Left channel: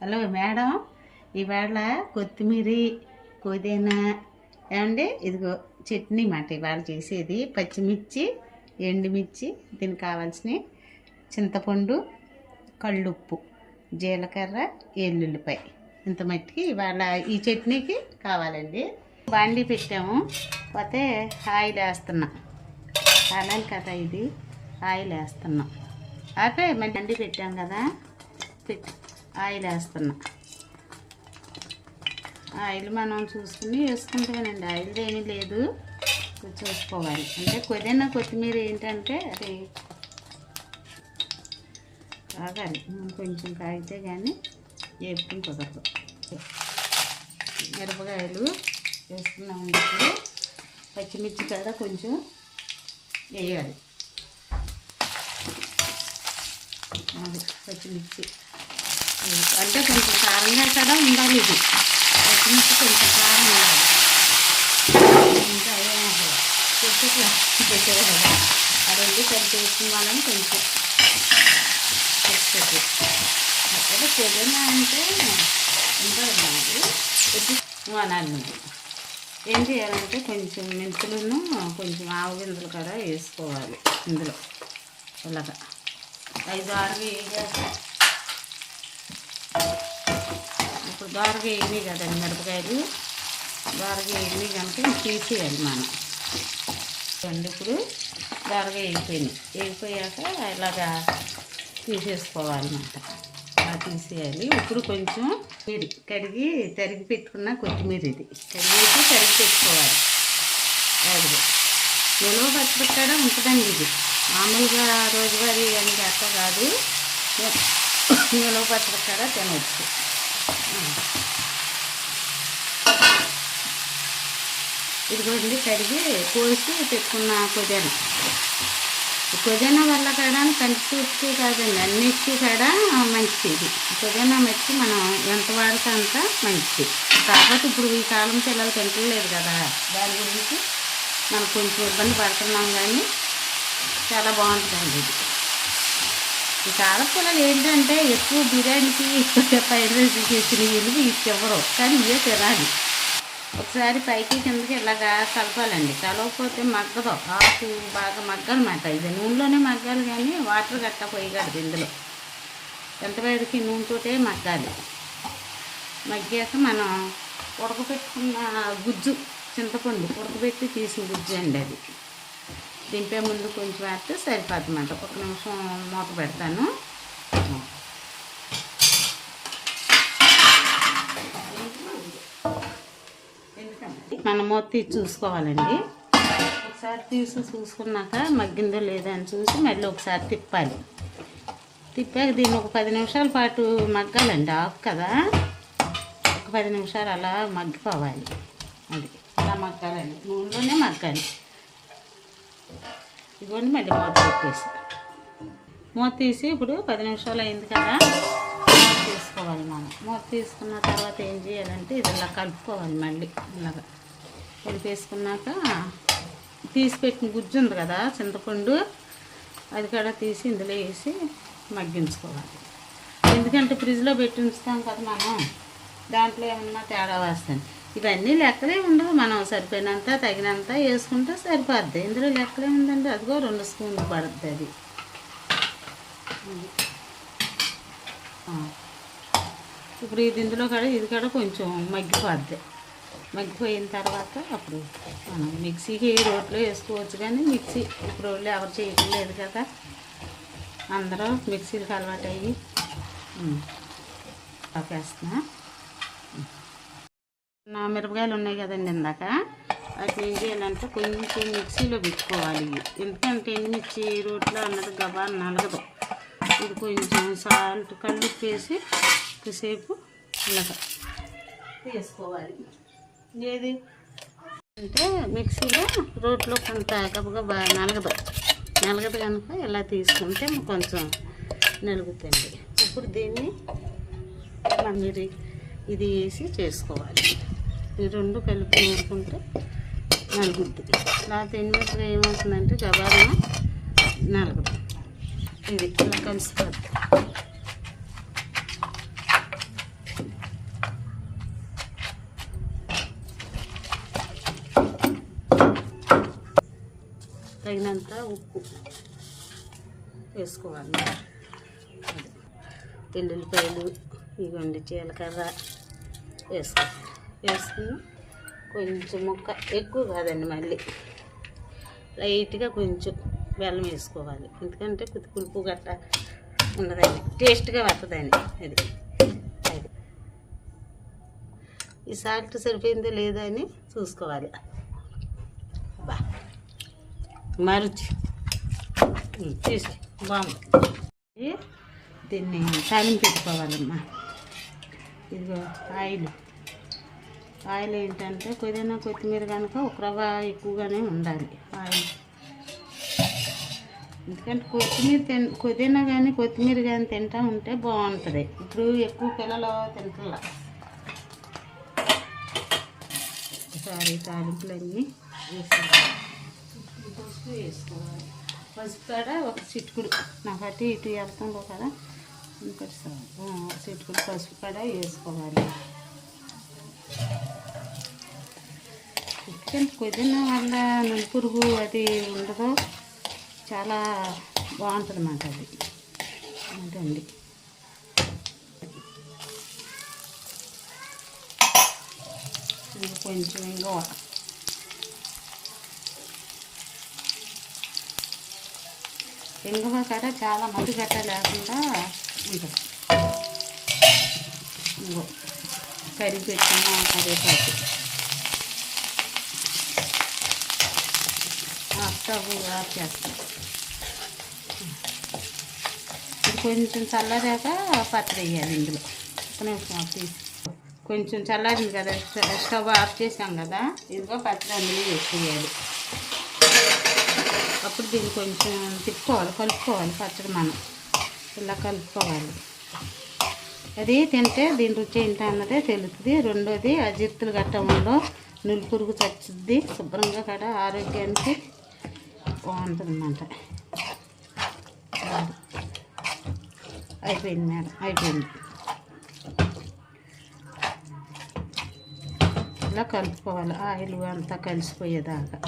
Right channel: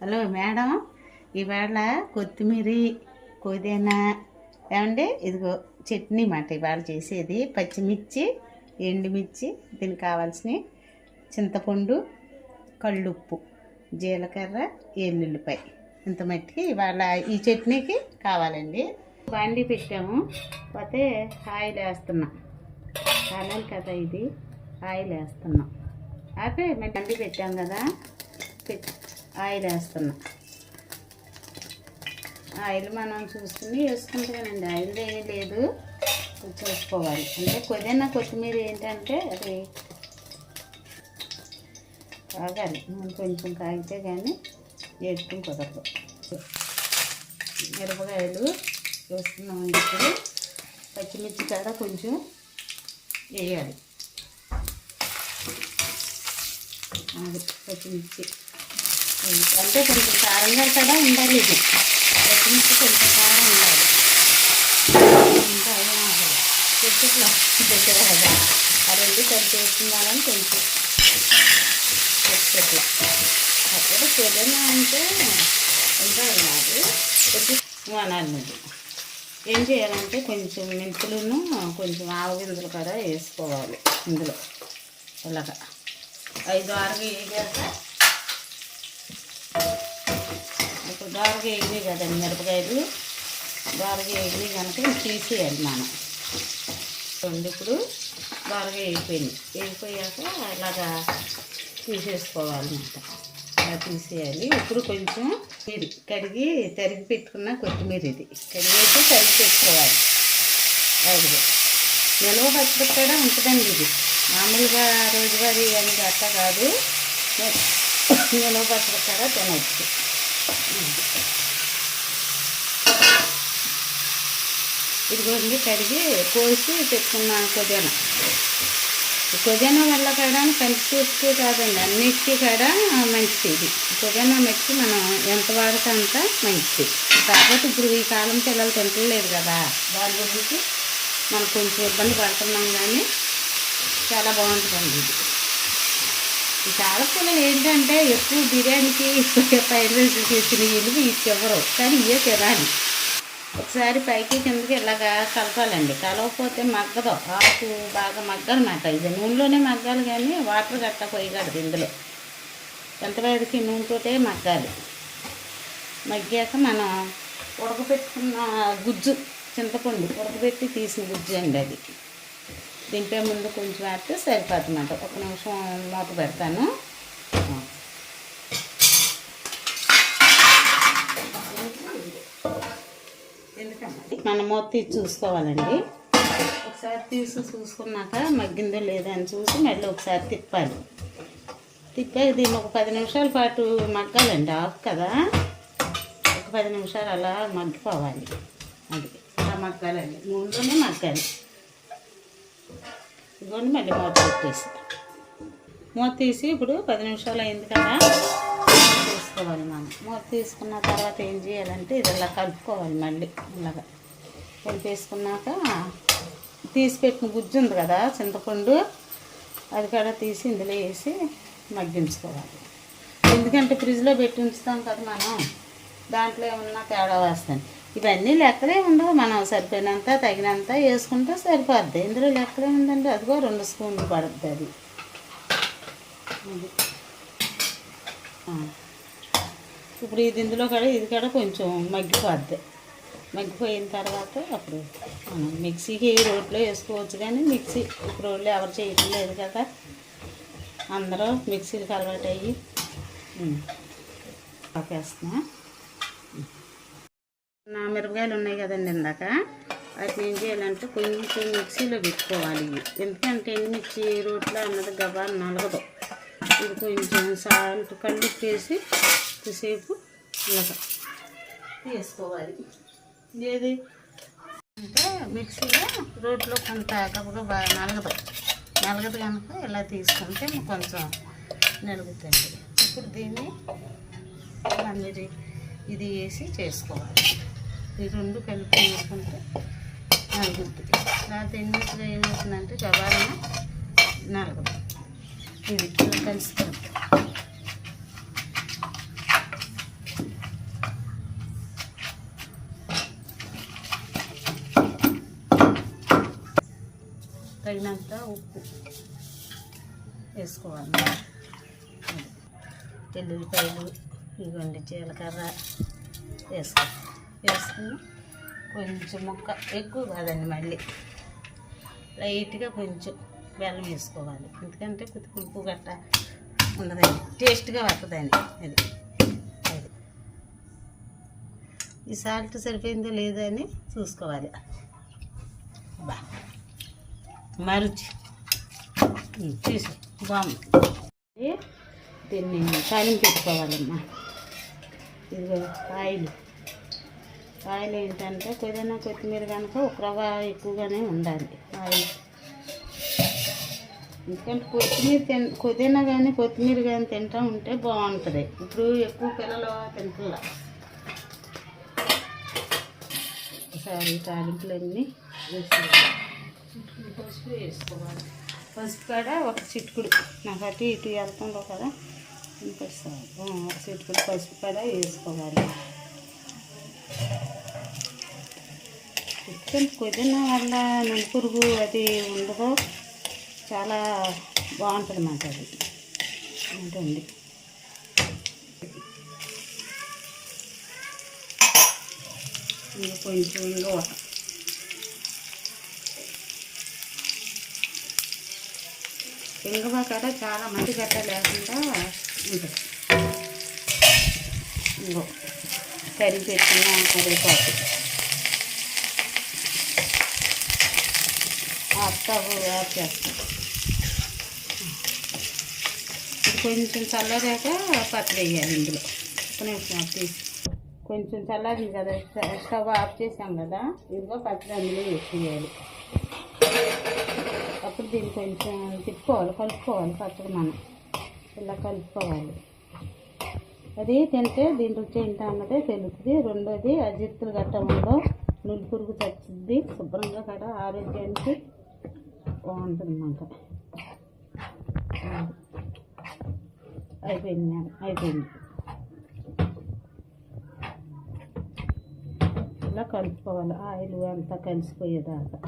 Hello madam, ఇవాళ కొత్తిమీర పుదీనా ఏమండి ఇదిగో చట్నీ మాట ఇవాళ చేసేది. పచ్చిమిర్చి, ఎండుమిర్చి, దీనికి కావాల్సిన చింతపండు, కళ్ళుప్పు, జీలకర్ర, ఎల్లుల్లిపాయ, ఇంత మట్టికి ఇవాళ ఈ చట్నీకి కావాలండి. బాండీ పెట్టాము, పోతే ఆయిల్ వేస్తున్నాం. కాలాలి కదా, ఇది ఆయిల్ వేస్తున్నాం. ఆపే మండి పెట్టాం కదా, ఆయిల్ వేస్తున్నా. ఆయిల్ మనం చూసుకుని వేసుకుంటానండి, ఆయిల్ ఏమీ లేదు, చేసుకోవాలి. అంటే పుదీనా కొత్తిమీర ఏంటంటే అది కాగాలి, కొంచెం కాగితే కానీ వేసుకుని కుదరదు. మిరపకాయలు వేసుకున్నామండి. ఇప్పుడు పచ్చిమిర్చి కూడా కొంచెం వేయాలి. పచ్చిమిర్చి అంటే కొంచెం కారంగా కూడా ఉండాలి. ఇది పచ్చిమిర్చి కొంచెం కారం ఉండాలి. ఇంకా పెట్టారు కదా, ఆ రెండు కలిసి వేసుకుందామని కొంచెం పెట్టి అప్పుడు పుదీనా అంటే ఇంకా అనాలి. నువ్వు ఏం చేయాలంటే కొంచెం మెంతులను కొంచెం ఆవు గింజలు కూడా వేసుకోవాలి ఇందులో. ఇలాగా 5-6 వేయాక ఇప్పుడు దోరగా వేయని కదండి, మిరపకాయలు దోరగా వేయని కనుక తీసేయాలి మనం. ఇప్పుడు దోరగా వేగిపోయాక ఇలాగా తీసేసుకోవాలన్నమాట. అలా తీసేయాలి. ఇప్పుడు కొంచెం కడిగి తరిగి పెట్టుకున్న కొత్తిమీర, ఇది కడిగేసి తరిగి పెట్టుకోవాలి. అది నిల్వ పచ్చిపెట్టడం ఉంటుందండి. ఇది మామూలుగా రోజువారీ అని అట్లా కాదు, నిల్వ పచ్చిపెట్టగా తినవచ్చు. ఇదిగోండి కడిగి కోసి పెట్టుకున్న పుదీనా వల్ల కూడా కంటి కాదండి, అన్నిటికీ కూడా మంచిది. ఇది పుదీనా మట్టి మనం ఎంత వాడితే అంత మంచిది. కాకపోతే ఇప్పుడు ఈ కాలం పిల్లలు తింటలేదు కదా, దాని గురించి మనం కొంచెం ఇబ్బంది పడుతున్నాం, కానీ చాలా బాగుంటుందండి ఇది. ఈ కాల పిల్లలు ఏంటంటే ఎక్కువ బిర్యానీకి ఫ్రైడ్ రైస్ చేసిన విలువ ఇచ్చేవరు, కానీ ఇవే తినాలి. ఒకసారి పైకి కిందకి ఇలాగా కలపాలండి, కలవకపోతే మగ్గదు. ఆకు బాగా మగ్గనమాట. ఇది నూనెలోనే మగ్గాలి, కానీ వాటర్ గట్ట పోయగలదు. ఇందులో ఎంత వేడికి నూనెతోటే మగ్గాలి. మగ్గాక మనం ఉడకపెట్టుకున్న గుజ్జు, చింతపండు ఉడకబెట్టి తీసిన గుజ్జు అండి, అది దింపే ముందు కొంచెం వేస్తే సరిపోతుందన్నమాట. 1 నిమిషం మూత పెడతాను. మనం మూత తీసి చూసుకోవాలండి. ఒకసారి తీసి చూసుకున్నాక మగ్గిందో లేదా అని చూసి మళ్ళీ ఒకసారి తిప్పాలి. తిప్పాక దీన్ని ఒక 10 నిమిషాల పాటు మగ్గాలండి. ఆకు కదా, ఒక 10 నిమిషాలు అలా మగ్గిపోవాలి. అది అలా మగ్గాలండి, నూనెలోనే మగ్గాలి. ఇదిగోండి మళ్ళీ మూత తీసి ఇప్పుడు 10 నిమిషాలు అయింది కదా, తీసుకోవాలి. మనం మూత తీసుకున్న తర్వాత ఏం చేయాలంటే ఇది ఇలా కలుపుకోవాలి. మళ్ళీ ఇలాగా కలిపేసుకున్నాక తీసి పెట్టిన గుజ్జు ఉంది కదా, చింతపండు, అది కూడా తీసి ఇందులో వేసి మగ్గించుకోవాలి. ఎందుకంటే ఫ్రిడ్జ్లో పెట్టి ఉంచుతాం కదా మనం, దాంట్లో ఏమన్నా తేడా వస్తుంది. ఇవన్నీ లెక్కలే ఉండవు, మనం సరిపోయినంత తగినంత వేసుకుంటే సరిపోద్ది. ఇందులో లెక్కలే ఉందండి, అదిగో 2 స్పూన్లు పడుతుంది. అది ఇప్పుడు ఇందులో కూడా ఇది కూడా కొంచెం మగ్గిపోద్ది. మగ్గిపోయిన తర్వాత అప్పుడు మిక్సీకి రోట్లో వేసుకోవచ్చు, కానీ మిక్సీ ఇప్పుడు రోడ్లు ఎవరు చేయటం లేదు కదా, అందరూ మిక్సీలకు అలవాటు అయ్యి వేస్తున్నా. నా మిరపకాయలు ఉన్నాయి కదండి ఇందాక, వాటిని ఏం చేయాలంటే కొంచెం మిక్సీలో పెట్టుకోవాలి. ఎందుకంటే మిక్సీ రోట్లో అన్నది గబా నలగదు. ఇది కొంచెం సాల్ట్ కల్లుప్పు వేసి కొద్దిసేపు ఇలాగ వేసుకోవాలి. ఏది అంటే మిక్సీలో రోట్లో కొంత గబగబా నలగదు కనుక ఇలా తీసుకుంటే కొంచెం నలుగుతుంది. ఇప్పుడు దీన్ని మీరు ఇది వేసి చేసుకోవాలి. ఈ 2 కలిపి వేసుకుంటే నలుగుతుంది. నా తిన్నట్టుగా ఏమవుతుందంటే గబాగా నలుగుతుంది. ఇది కలిసిపోతుంది. తగినంత ఉప్పు వేసుకోవాలి. వెల్లుల్లిపాయలు ఇవ్వండి, జీలకర్ర వేసుకుని కొంచెం ముక్క ఎక్కువ కాదండి, మళ్ళీ లైట్గా కొంచెం బెల్లం వేసుకోవాలి. ఎందుకంటే పులుపు గట్ట ఉండదండి, టేస్ట్గా వస్తుందండి. అది ఈ సాల్ట్ సరిపోయిందో లేదో అని చూసుకోవాలి. బా మరుచి తీసి బాగుంది. దీన్ని తాలింపు పెట్టుకోవాలమ్మా. ఇదిగో ఆయిల్ ఏంటంటే పుదీనా కొత్తిమీర కనుక ఒక రవ్వ ఎక్కువగానే ఉండాలి ఆయిల్. ఎందుకంటే పుదీనా కానీ కొత్తిమీర కానీ తింటూ ఉంటే బాగుంటుంది. ఇప్పుడు ఎక్కువ పిల్లలు తింటున్నా. ఒకసారి తాలింపులన్నీ పసుపు వేసుకోవాలి. పసుపు కాడ ఒక చిటుకుడు, నాకు అటు ఇటు వెళ్తుందో కదా ఇంకొకసారి ఒక చిటుకుడు పసుపు కాడ వేసుకోవాలి. పుదీనా వల్ల నులుపురుగు అది ఉండదు, చాలా బాగుంటుంది అన్నమాట. అది ఉంటుంది. కొంచెం ఇంగువ కాడ చాలా మంది గట్ట లేకుండా ఉంటుంది. ఇంకో కర్రీ పెట్టిన కరివేపాకు స్టవ్ ఆఫ్ చేస్తాం. ఇది కొంచెం చల్లగాక పచ్చడి వేయాలి. ఇందులో కొంచెం చల్లారింది కదా, స్టవ్ ఆఫ్ చేసాం కదా, ఇదిగో పచ్చడి అందులో వేసేయాలి. అప్పుడు దీన్ని కొంచెం కలుపుకోవాలి. పచ్చడి మనం ఇలా కలుపుకోవాలి. అది తింటే దీని రుచి ఏంటన్నదే తెలుస్తుంది. రెండోది అజీర్తులు గట్ట ఉండవు, నులుపురుగు చచ్చుద్ది, శుభ్రంగా కూడా ఆరోగ్యానికి బాగుంటుంది అన్నమాట. అయిపోయింది మేడం, అయిపోయింది. ఇలా కలుపుకోవాలి ఆయిల్ అంతా కలిసిపోయేదాకా.